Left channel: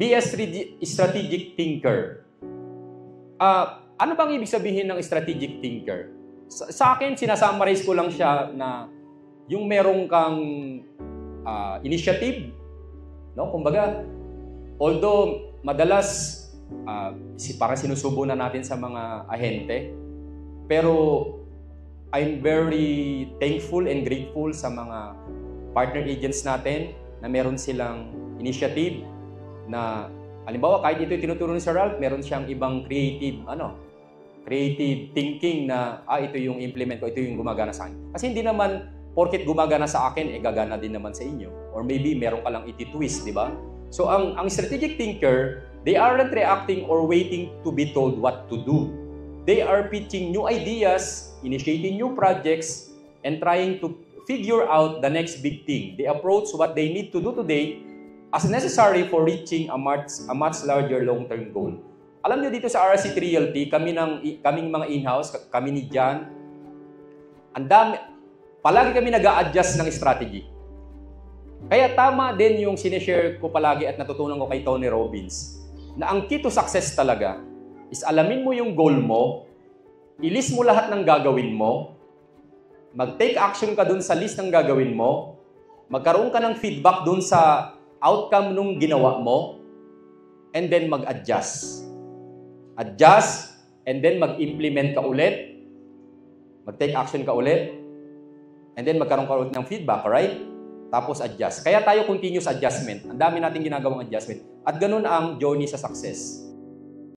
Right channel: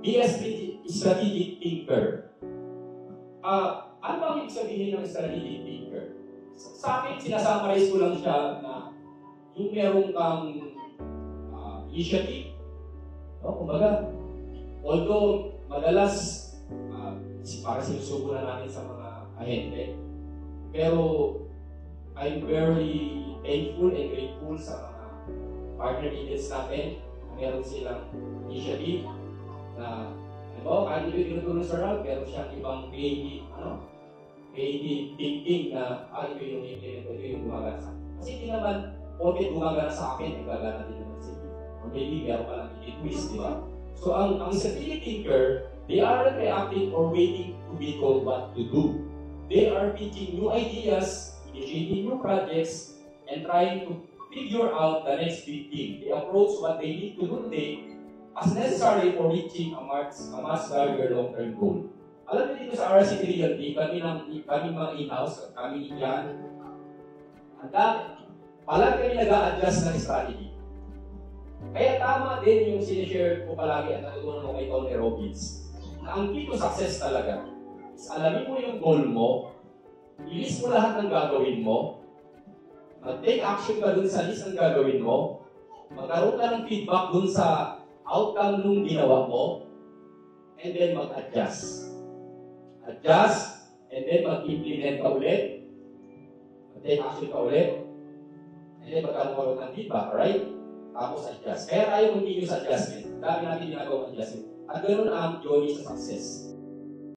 Be a strategic thinker. Ano bang ibig sabihin ng strategic thinker? Sa akin, sinasummarize ko lang siya na yung merong kang initiative, no? Kumbaga, although madalas parang sinusubo na natin sa mga ahente, pero I'm very thankful and grateful sa mga partner agents natin na meron silang initiative na, halimbawa, kahit ito yung tinuturo ni Sir Ralph, meron siyang ibang creative thinking na, ito yung implement ko, ito yung gumagana sa akin. Kasi hindi naman, porket gumagana sa akin, gagana din naman sa inyo. Or maybe, meron ka lang iti-twist, di ba? So, ang strategic thinker, they aren't reacting or waiting to be told what to do. They are pitching new ideas, initiating new projects, and trying to figure out the next big thing. They approach what they need to do today as necessary for reaching a much larger long-term goal. Alam niyo dito sa RC Realty, kami mga in-house, kami ni John, palagi kami nag-a-adjust ng strategy. Kaya tama din yung sinishare ko palagi at natutunan ko kay Tony Robbins, na ang key to success talaga is alamin mo yung goal mo, i-list mo lahat ng gagawin mo, mag-take action ka dun sa list ng gagawin mo, magkaroon ka ng feedback dun sa outcome nung ginawa mo, and then mag-adjust. Adjust, and then mag-implement ka ulit, mag-take action ka ulit, and then magkaroon ka ulit ng feedback, right? Tapos adjust. Kaya tayo continuous adjustment. Ang dami natin ginagawang adjustment. At ganun ang journey sa success.